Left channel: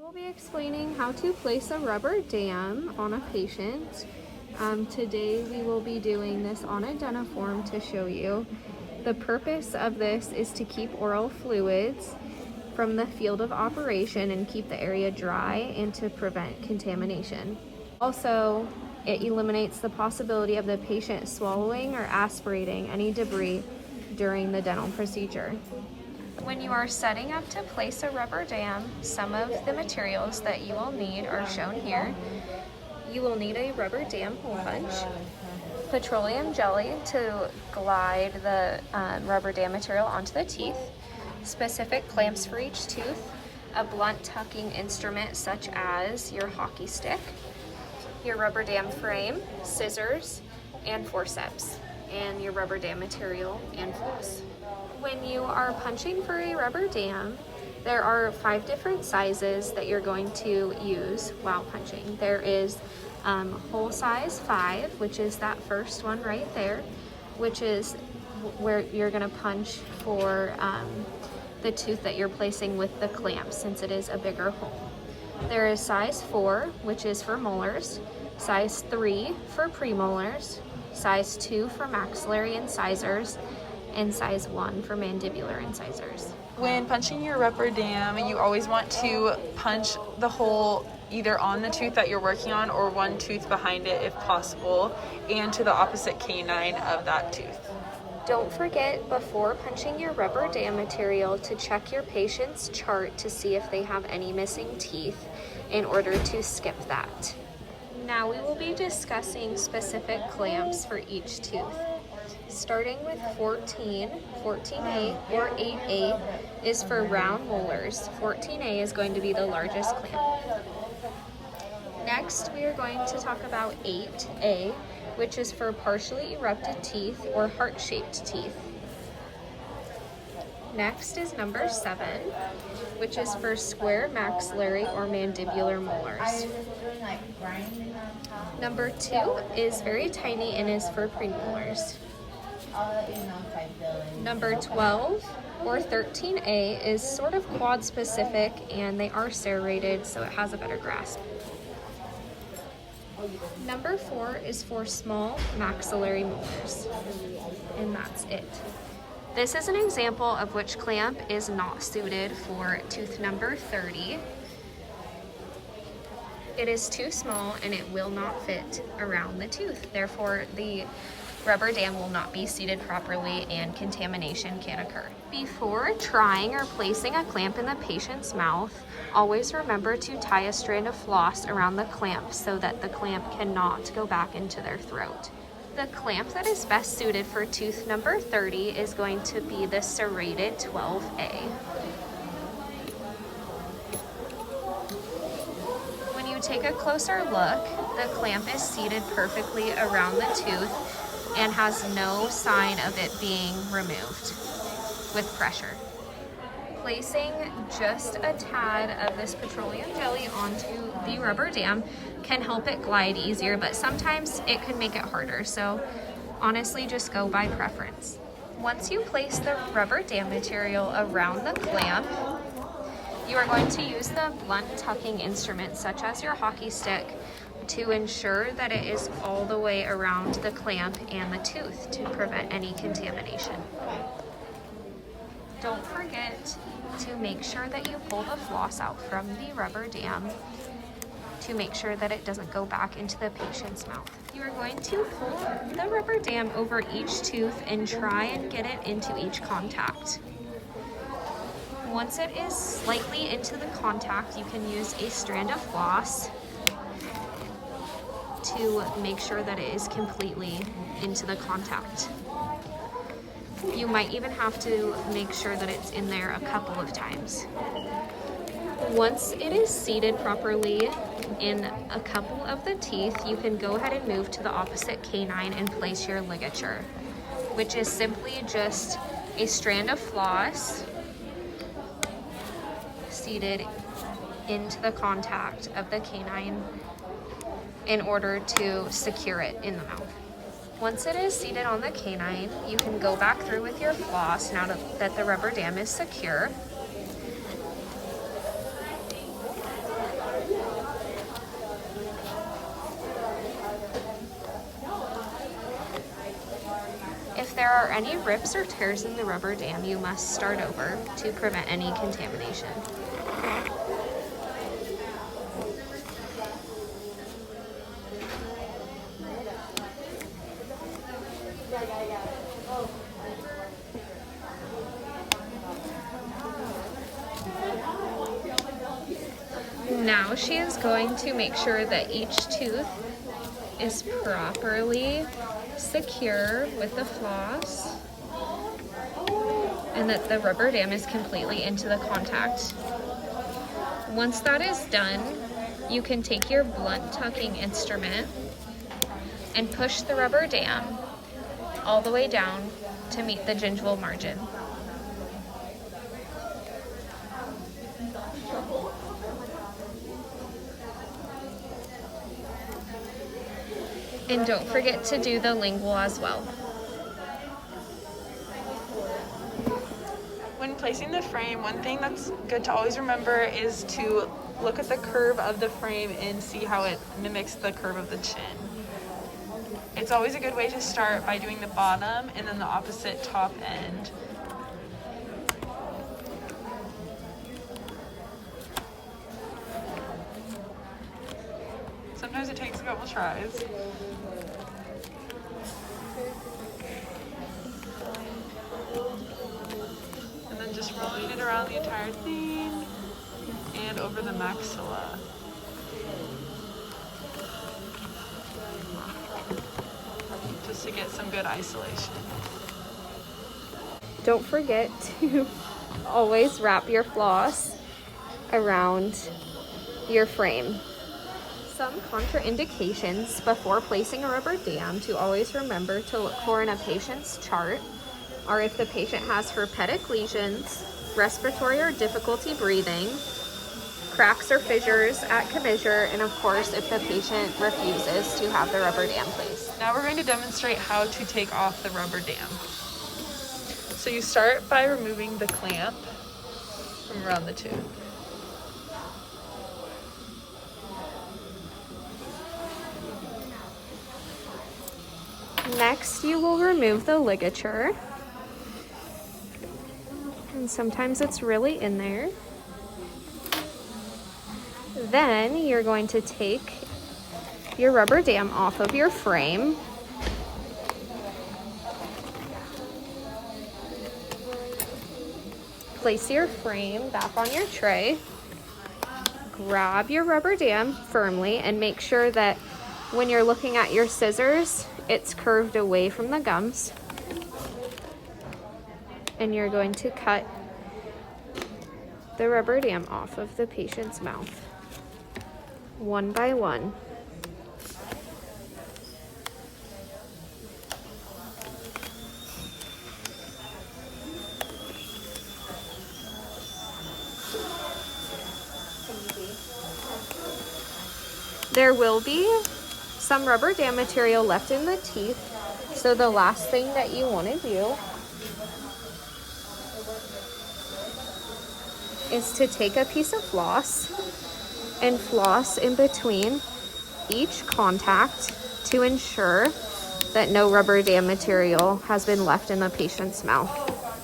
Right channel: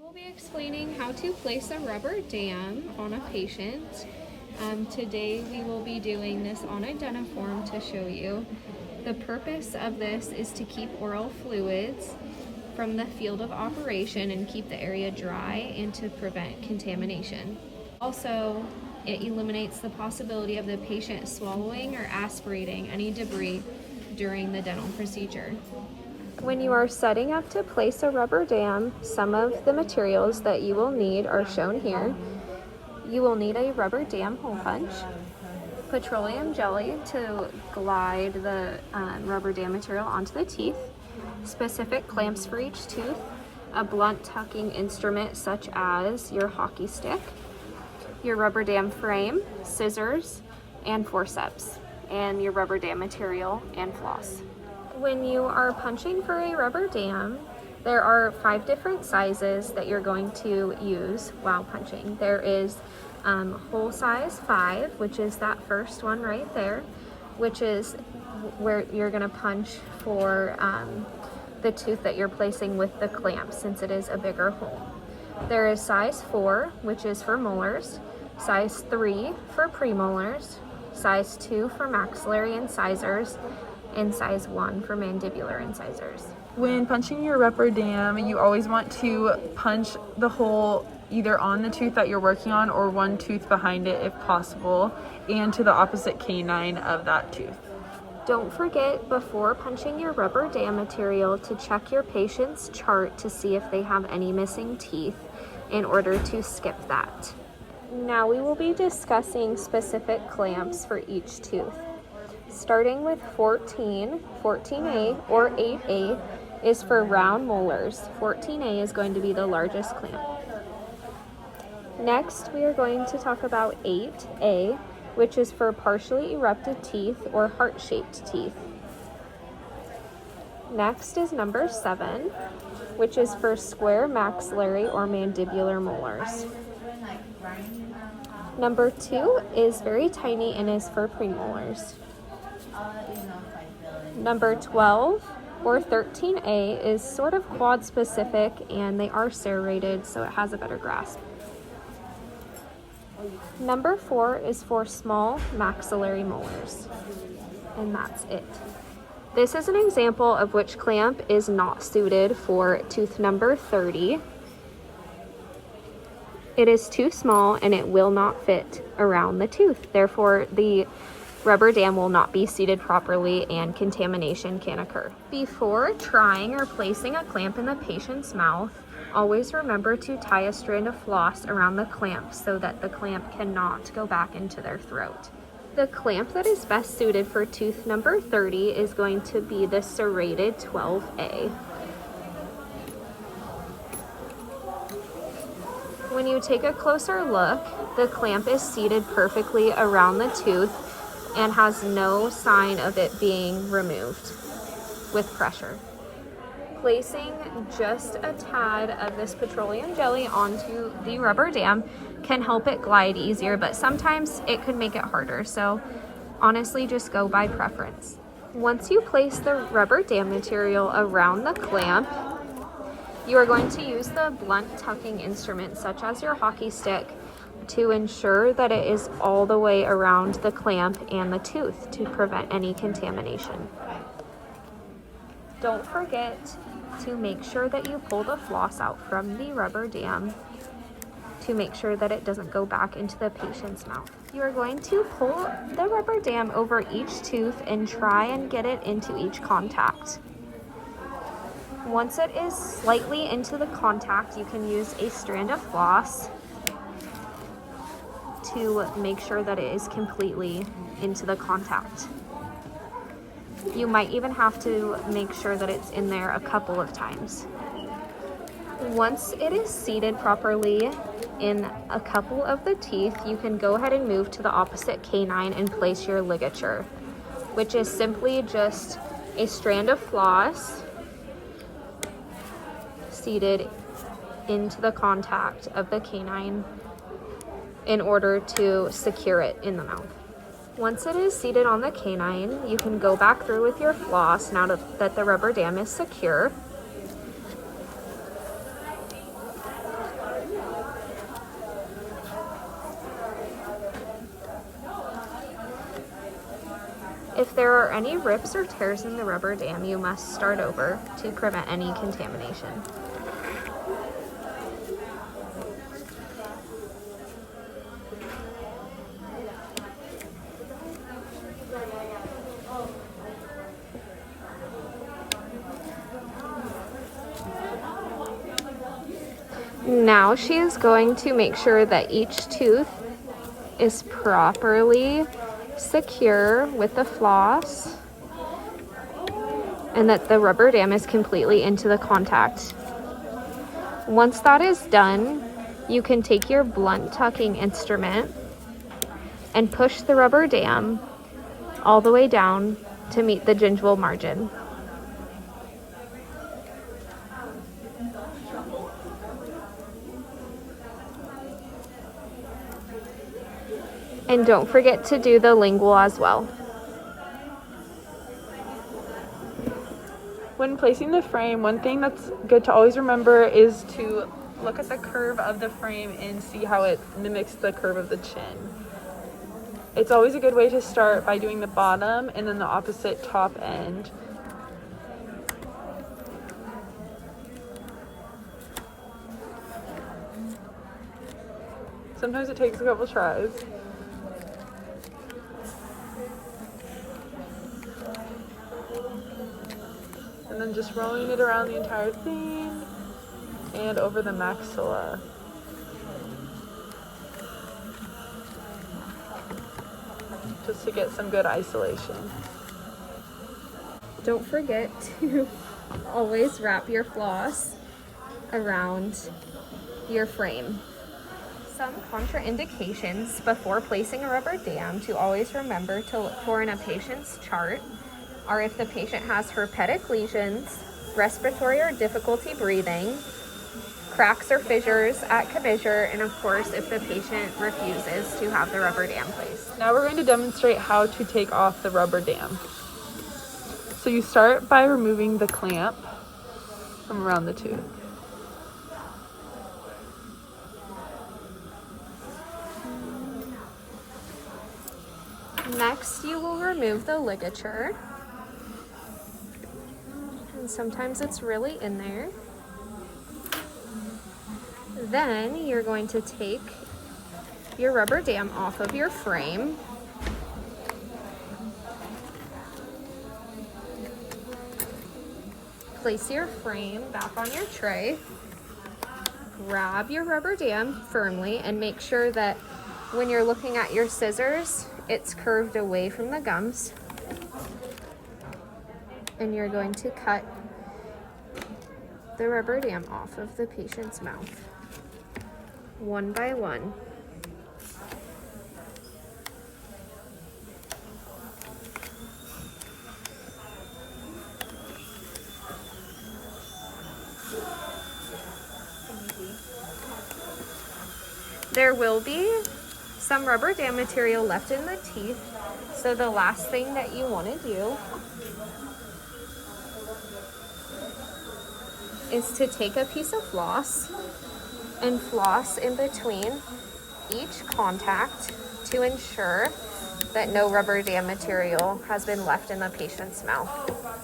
We'll be explaining how to place a rubber dam on a patient. Today we will be doing this on a Deniform to show you. The purpose of this is to keep oral fluids from the field of operation and keep the area dry and to prevent contamination. Also, it eliminates the possibility of the patient swallowing or aspirating any debris during the dental procedure. When you are setting up to place a rubber dam, some of the materials that you will need are shown here. You will need a rubber dam hole punch, petroleum jelly to glide the rubber dam material onto the teeth, specific clamps for each tooth, a blunt tucking instrument such as your hockey stick, your rubber dam frame, scissors, and forceps, and your rubber dam material and floss. When you are punching for a rubber dam, there are 5 different sizes that you're going to use while punching. There is hole size 5, which is that first one right there, which is where you're going to punch for the tooth that you're placing with the clamp, since it is a bigger hole. There is size 4, which is for molars, size 3 for premolars, size 2 for maxillary incisors, and size 1 for mandibular incisors. When punching your rubber dam, you always want to punch the hole either on the tooth that you're working on or one tooth behind it if possible, and to the opposite canine of that tooth. Don't forget before punching your rubber dam material to check your patient's chart to see if they have any missing teeth in order to skip that. Now we will be discussing specific clamps for each tooth. Starting with 14, 14A or 8A is for round molars. 14A is going to be the largest clamp. Next, we are going to talk about 8A, which is for partially erupted teeth or heart-shaped teeth. Next is number 7, which is for square maxillary or mandibular molars. Number 2 is very tiny and is for premolars. Number 12 or 13A is sort of quad specific and they are serrated, so it has a better grasp. Number 4 is for small maxillary molars, and that's it. This is an example of which clamp is not suited for tooth number 30. It is too small and it will not fit around the tooth. Therefore, the rubber dam will not be seated properly and contamination can occur. Before trying or placing a clamp in the patient's mouth, always remember to tie a strand of floss around the clamp so that the clamp cannot go back into their throat. The clamp that is best suited for tooth number 30 is going to be the serrated 12A. When you take a closer look, the clamp is seated perfectly around the tooth and has no sign of it being removed with pressure. Placing just a tad of this petroleum jelly onto the rubber dam can help it glide easier, but sometimes it could make it harder, so honestly just go by preference. Once you place the rubber dam material around the clamp, you are going to use the blunt tucking instrument such as your hockey stick to ensure that it is all the way around the clamp and the tooth to prevent any contamination. Don't forget to make sure that you pull the floss out from the rubber dam to make sure that it doesn't go back into the patient's mouth. You are going to pull the rubber dam over each tooth and try and get it into each contact. Once it is slightly into the contact, you can use a strand of floss to make sure that it is completely into the contact. You might even have to make sure that it's in there a couple of times. Once it is seated properly in a couple of the teeth, you can go ahead and move to the opposite canine and place your ligature, which is simply just a strand of floss seated into the contact of the canine in order to secure it in the mouth. Once it is seated on the canine, you can go back through with your floss now that the rubber dam is secure. If there are any rips or tears in the rubber dam, you must start over to prevent any contamination. Now she is going to make sure that each tooth is properly secure with the floss and that the rubber dam is completely into the contact. Once that is done, you can take your blunt tucking instrument and push the rubber dam all the way down to meet the gingival margin. And don't forget to do the lingual as well. When placing the frame, one thing that's good to always remember is to look at the curve of the frame and see how it mimics the curve of the chin. It's always a good way to start by doing the bottom and then the opposite top end. Sometimes it takes a couple tries. And then just rolling it around the entire thing and over the maxilla. Just to get some good isolation. Don't forget to always wrap your floss around your frame. Some contraindications before placing a rubber dam to always remember to look for in a patient's chart are if the patient has herpetic lesions, respiratory or difficulty breathing, cracks or fissures at commissure, and of course if the patient refuses to have the rubber dam placed. Now we're going to demonstrate how to take off the rubber dam. So you start by removing the clamp from around the tooth. Next, you will remove the ligature. And sometimes it's really in there. Then you're going to take your rubber dam off of your frame. Place your frame back on your tray. Grab your rubber dam firmly and make sure that when you're looking at your scissors, it's curved away from the gums. And you're going to cut the rubber dam off of the patient's mouth, one by one. There will be some rubber dam material left in the teeth, so the last thing that you want to do is to take a piece of floss and floss in between each contact to ensure that no rubber dam material has been left in the patient's mouth.